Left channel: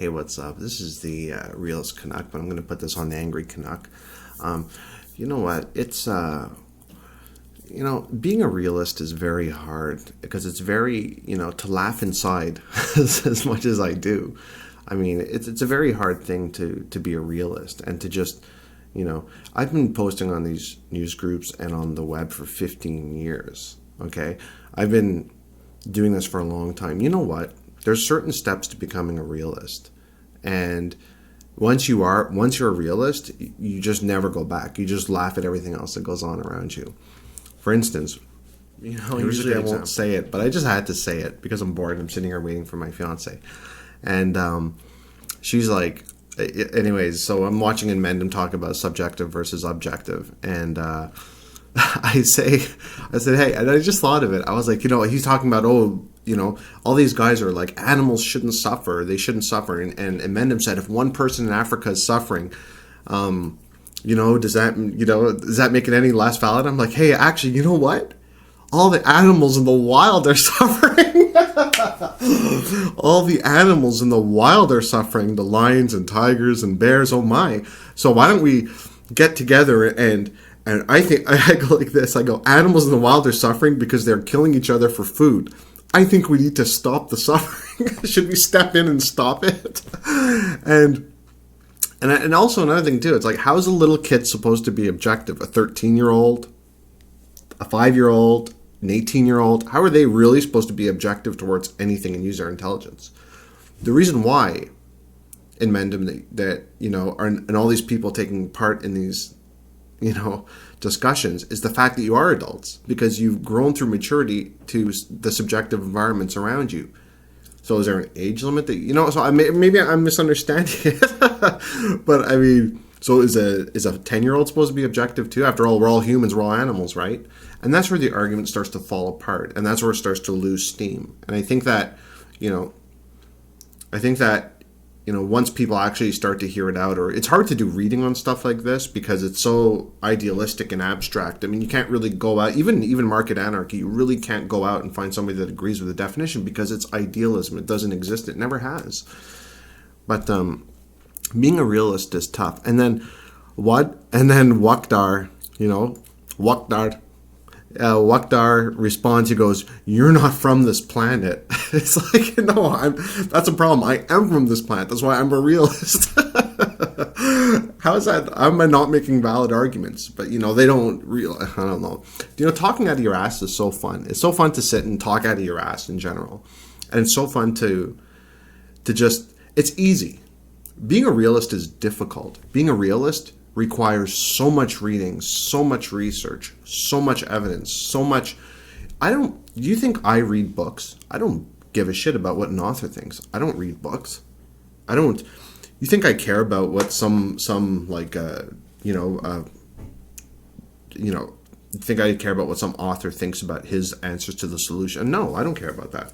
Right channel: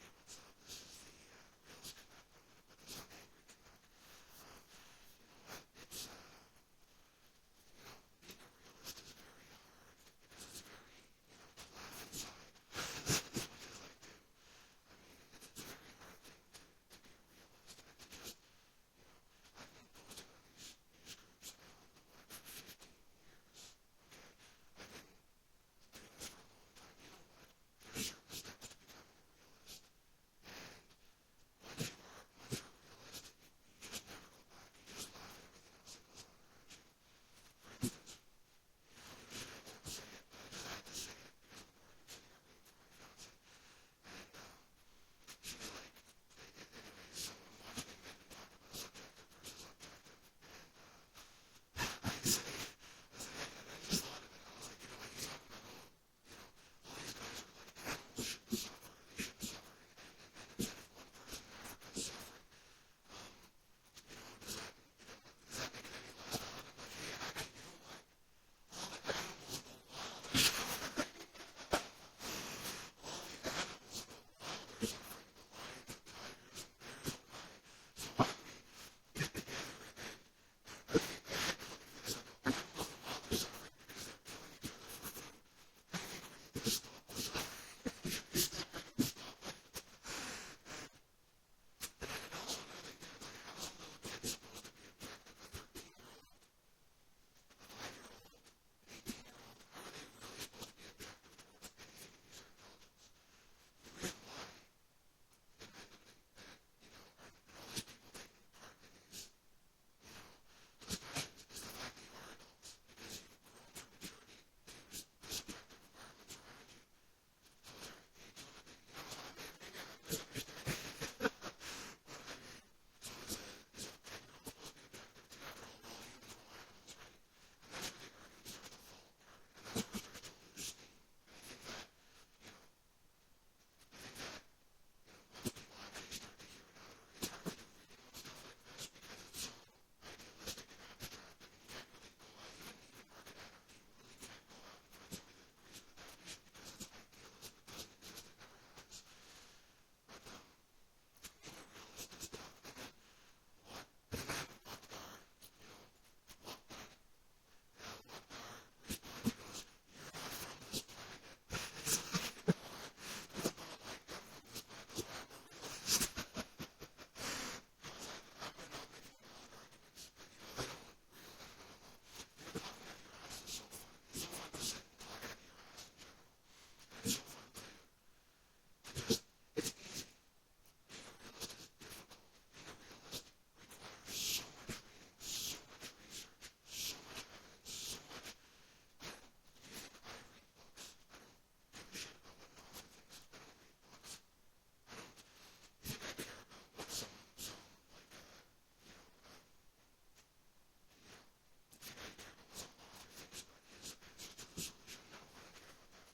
Hey, what's up? This is the realist Canuck, but I'm going to put this on the Angry Canuck. You know what? It's, being a realist is very hard because it's very, to laugh inside as much as I do. I mean, it's a very hard thing to be a realist and to just, I've been posting on these news groups and on the web for 15 years, okay? I've been doing this for a long time. You know what? There's certain steps to becoming a realist. And once you're a realist, you just never go back. You just laugh at everything else that goes on around you. For instance, usually I won't say it, but I just had to say it because I'm bored. I'm sitting here waiting for my fiance. And she's like, anyways, so I'm watching Inmendham talk about subjective versus objective. And I said, hey, and I just thought of it. I was like, he's talking about, all these guys are like, animals shouldn't suffer. They shouldn't suffer. And Inmendham said, if one person in Africa is suffering, does that make it any less valid? I'm like, hey, actually, you know what? All the animals in the wild are suffering. All the animals in the wild are suffering. The lions and tigers and bears, oh my. So why don't we get together and I think, I go like this, I go, animals in the wild are suffering because they're killing each other for food. I think we need to stop the suffering. Should we step in and stop it? And also another thing too, it's like, how's a little kid supposed to be objective? A 13-year-old, a 5-year-old, an 18-year-old, how are they really supposed to be objective towards anything and use their intelligence? The reason why in Inmendham that and all these people taking part in these, discussions is the fact that you are adults because you've grown through maturity to the subjective environments around you. So is there an age limit that, so maybe I'm misunderstanding it, but I mean, so is a 10-year-old supposed to be objective too? After all, we're all humans, we're all animals, right? And that's where the argument starts to fall apart, and that's where it starts to lose steam. And I think that, once people actually start to hear it out, or it's hard to do reading on stuff like this because it's so idealistic and abstract. I mean, you can't really go out, even market anarchy, you really can't go out and find somebody that agrees with the definition because it's idealism. It doesn't exist. It never has. But being a realist is tough. And then wukdar, wukdar responds, he goes, you're not from this planet. It's like, no, that's a problem. I am from this planet. That's why I'm a realist. How is that? I'm not making valid arguments, but they don't realize, I don't know. Talking out of your ass is so fun. It's so fun to sit and talk out of your ass in general. And it's so fun to just, it's easy. Being a realist is difficult. Being a realist requires so much reading, so much research, so much evidence, so much. Do you think I read books? I don't give a shit about what an author thinks. I don't read books. You think I care about what you think I care about what some author thinks about his answers to the solution? No, I don't care about that.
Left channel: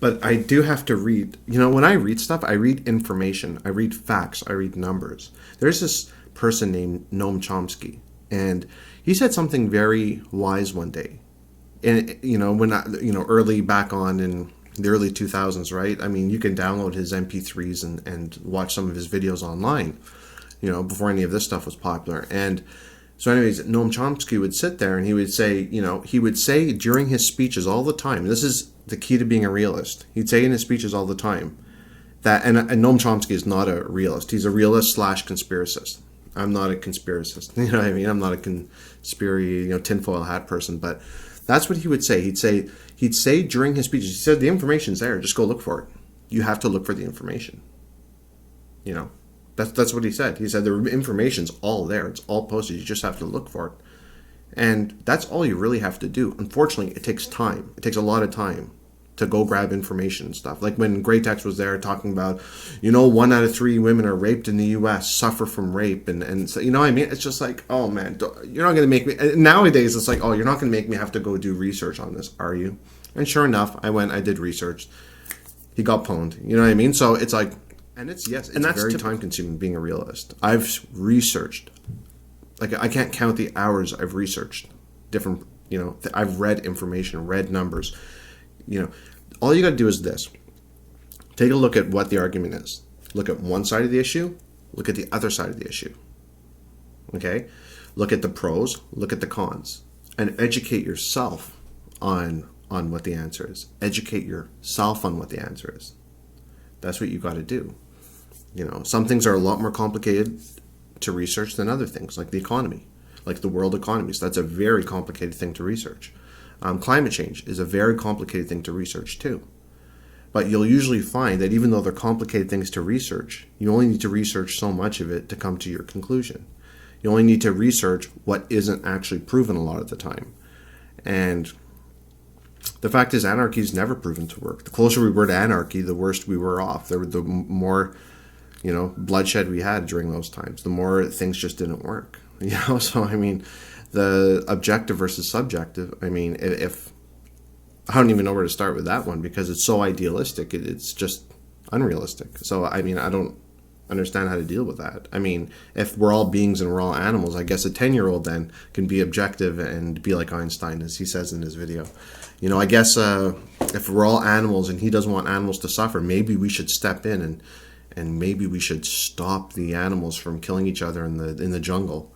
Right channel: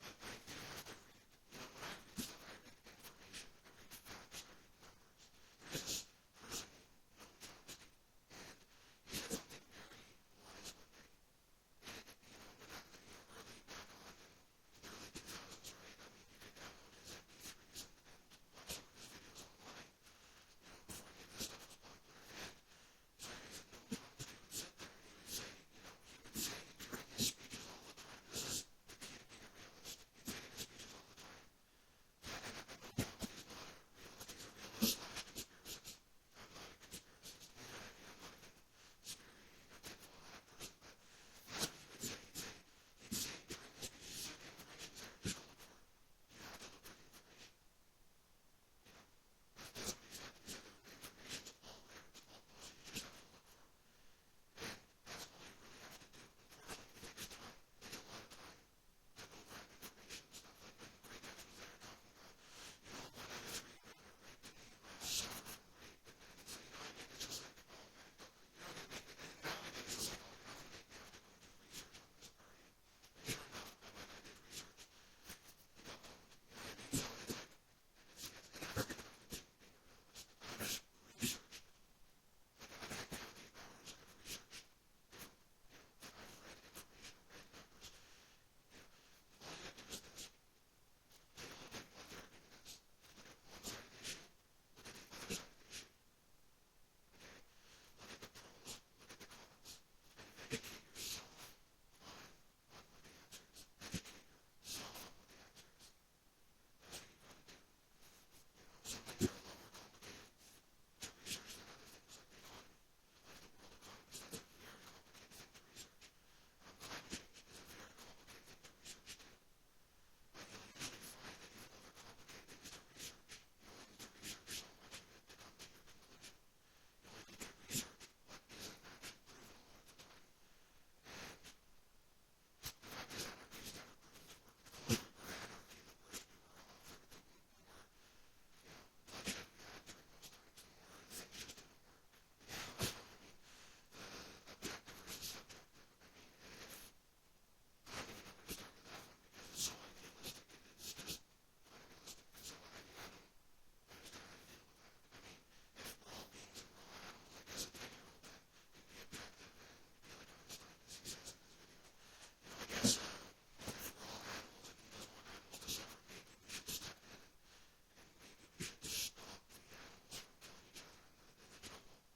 But I do have to read. When I read stuff, I read information. I read facts. I read numbers. There's this person named Noam Chomsky, and he said something very wise one day. And early back on in the early 2000s, right? I mean, you can download his MP3s and watch some of his videos online, before any of this stuff was popular. And so anyways, Noam Chomsky would sit there and he would say during his speeches all the time, this is the key to being a realist. He'd say in his speeches all the time that, and Noam Chomsky is not a realist. He's a realist / conspiracist. I'm not a conspiracist. You know what I mean? I'm not a conspiracy, tinfoil hat person, but that's what he would say. He'd say during his speeches, he said, the information's there. Just go look for it. You have to look for the information. That's what he said. He said the information's all there. It's all posted. You just have to look for it. And that's all you really have to do. Unfortunately, it takes time. It takes a lot of time to go grab information and stuff. Like when Gratex was there talking about, 1 out of 3 women are raped in the U.S., suffer from rape. And so, what I mean? It's just like, oh man, you're not going to make me, nowadays it's like, oh, you're not going to make me have to go do research on this, are you? And sure enough, I did research. He got pwned. You know what I mean? So it's like, and it's very time consuming being a realist. I've researched, like I can't count the hours I've researched different, I've read information, read numbers, all you got to do is this. Take a look at what the argument is. Look at one side of the issue. Look at the other side of the issue. Okay? Look at the pros. Look at the cons. And educate yourself on what the answer is. Educate yourself on what the answer is. That's what you got to do. You know, some things are a lot more complicated to research than other things, like the economy, like the world economies. That's a very complicated thing to research. Climate change is a very complicated thing to research too. But you'll usually find that even though they're complicated things to research, you only need to research so much of it to come to your conclusion. You only need to research what isn't actually proven a lot of the time. And the fact is, anarchy is never proven to work. The closer we were to anarchy, the worse we were off. The more, you know, bloodshed we had during those times, the more things just didn't work. You know, so I mean, the objective versus subjective. I mean, if I don't even know where to start with that one because it's so idealistic, it's just unrealistic. So I mean, I don't understand how to deal with that. I mean, if we're all beings and we're all animals, I guess a 10-year-old then can be objective and be like Einstein, as he says in his video. You know, I guess if we're all animals and he doesn't want animals to suffer, maybe we should step in and maybe we should stop the animals from killing each other in the jungle.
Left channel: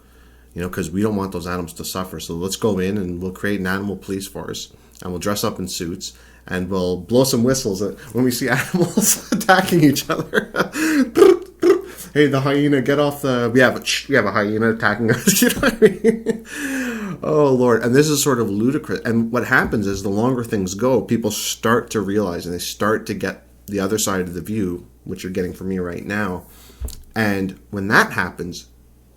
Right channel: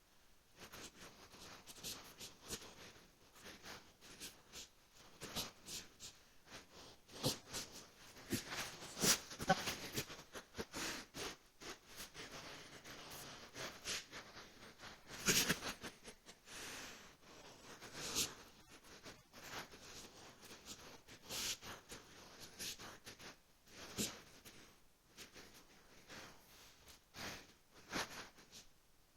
You know, because we don't want those animals to suffer. So let's go in and we'll create an animal police force and we'll dress up in suits and we'll blow some whistles when we see animals attacking each other. Hey, the hyena, get off the... We have a hyena attacking us. You know what I mean? Oh, Lord. And this is sort of ludicrous. And what happens is the longer things go, people start to realize and they start to get the other side of the view, which you're getting from me right now. And when that happens,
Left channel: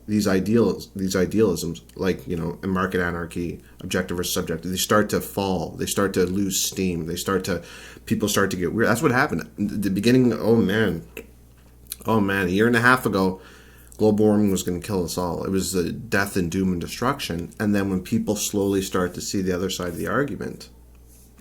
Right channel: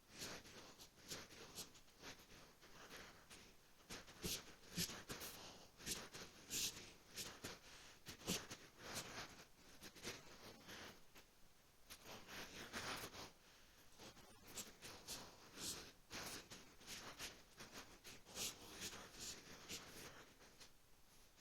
these idealisms, like, you know, market anarchy, objective versus subjective, they start to fall. They start to lose steam. People start to get weird. That's what happened. In the beginning, oh man, a year and a half ago, global warming was going to kill us all. It was the death and doom and destruction. And then when people slowly start to see the other side of the argument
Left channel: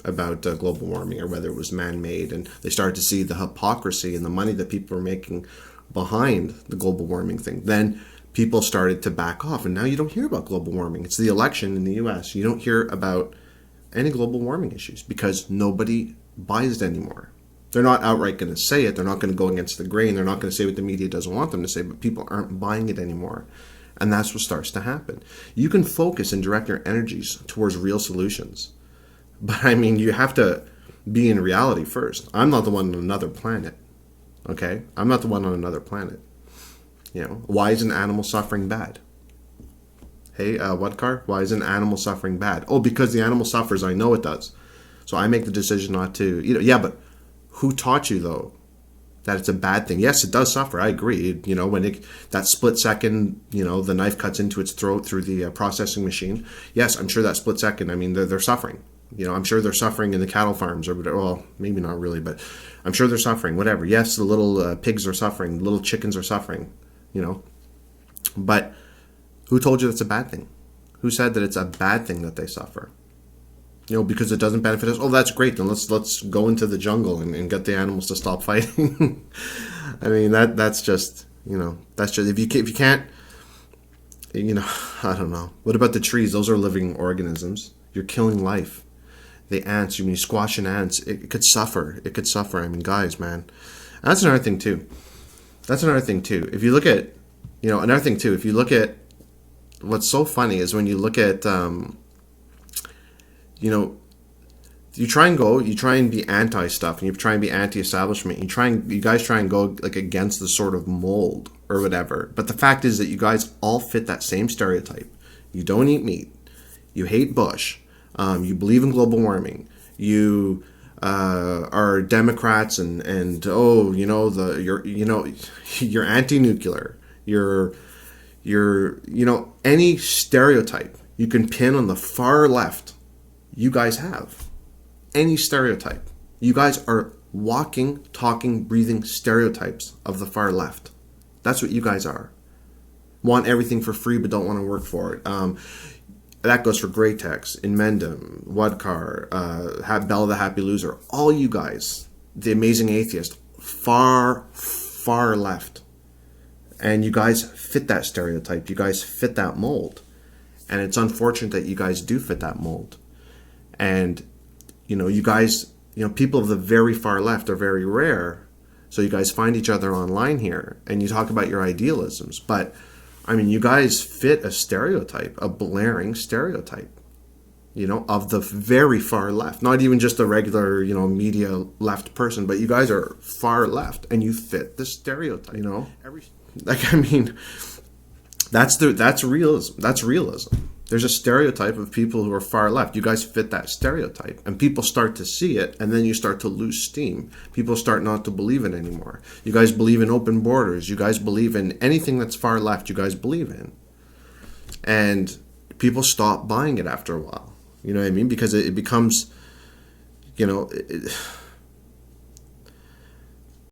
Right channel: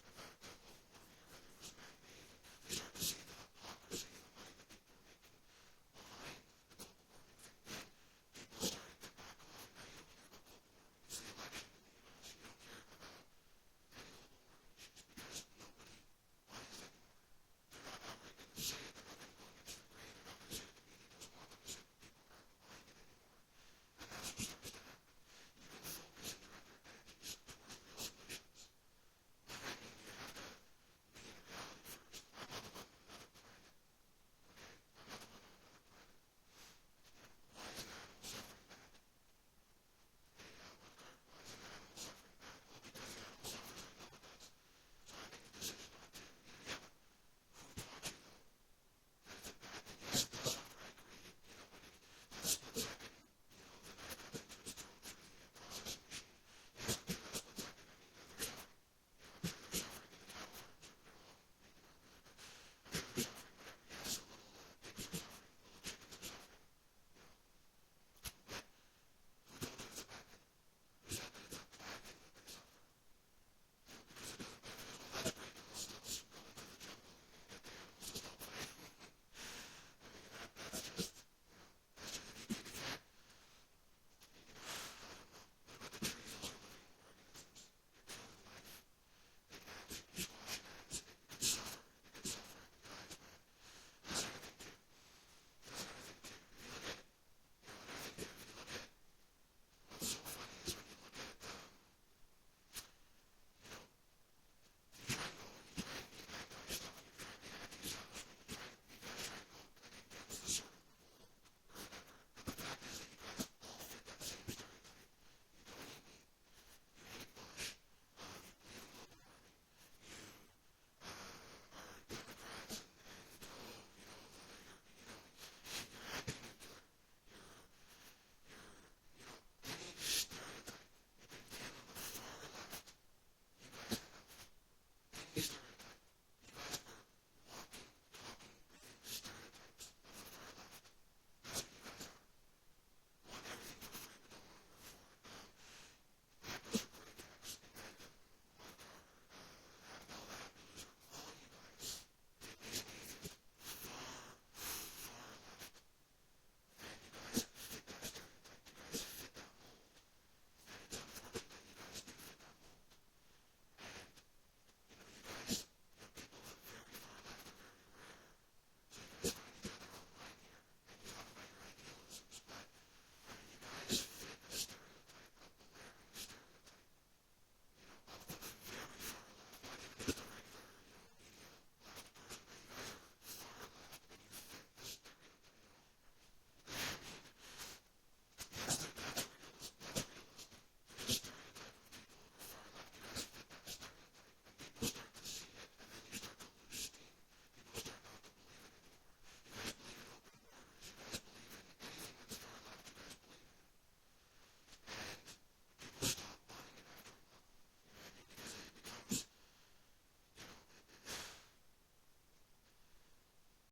about global warming or whether it was man-made, and they start to see the hypocrisy and the money that people are making behind the global warming thing, then people started to back off. And now you don't hear about global warming. It's the election in the US. You don't hear about any global warming issues because nobody buys it anymore. They're not outright going to say it. They're not going to go against the grain. They're not going to say what the media doesn't want them to say, but people aren't buying it anymore. And that's what starts to happen. You can focus and direct your energies towards real solutions. But I mean, you have to be in reality first. I'm not the one on another planet. Okay? I'm not the one on another planet. You know, why is an animal suffering bad? Hey, wukdar, why is an animal suffering bad? Oh, because the animal suffers. I know it does. So I make the decision not to. You know, yeah, but who taught you, though, that it's a bad thing? Yes, it does suffer. I agree. You know, when that split second, you know, the knife cuts into its throat through the processing machine. Yes, I'm sure that split second, I mean, they're suffering. You know, I'm sure they're suffering in the cattle farms or whatever. Well, maybe not really, but I'm sure they're suffering, whatever. Yes, the little pigs are suffering. The little chickens are suffering, you know. But who told you that's a bad thing? Who said that it's a bad thing that they suffer? You know, because it doesn't benefit us. Oh, that's great. Then let's go into the jungle and get the animals to stop fighting. I mean, that's just, you know, that's just, if you can't, you know, I don't know. What about the trees? Those are living organisms. You're killing life. The ants, when you squash an ants, it could suffer. It could suffer. I mean, guys, man. And that's another thing too. If you look at, you know, another thing too, if you look at, what's so funny is when you look at, you know, you try and be anti-stuff, and you try and be anti-establishment. You guys try and go like against the sort of mold or whatever. But the fact is that you guys all fit that same stereotype. You don't eat meat. You hate Bush. You believe in global warming. You are Democrats and oh, you know, you're anti-nuclear. You're you know, any stereotype you can pin on the far left. You guys have any stereotype. You guys are walking, talking, breathing stereotypes of the far left. That's what you guys are. Want everything for free but don't want to work for it. That goes for Gratex, Inmendham, wukdar, BellaTheHappyLoser. All you guys, the amazing atheist, far, far left. And you guys fit that stereotype. You guys fit that mold. And it's unfortunate that you guys do fit that mold. And, you know, you guys, you know, people of the very far left are very rare, So you guys find each other online here, and you talk about your idealisms. But, I mean, you guys fit a stereotype, a blaring stereotype, you know, of the very far left. Not even just a regular, you know, media left person, but you guys are far left, and you fit the stereotype, you know? Like, I mean, that's realism. That's realism. There's a stereotype of people who are far left. You guys fit that stereotype, and people start to see it, and then you start to lose steam. People start not to believe it anymore. You guys believe in open borders. You guys believe in anything that's far left. You guys believe in, and people stop buying it after a while. You know what I mean? Because it becomes, you know,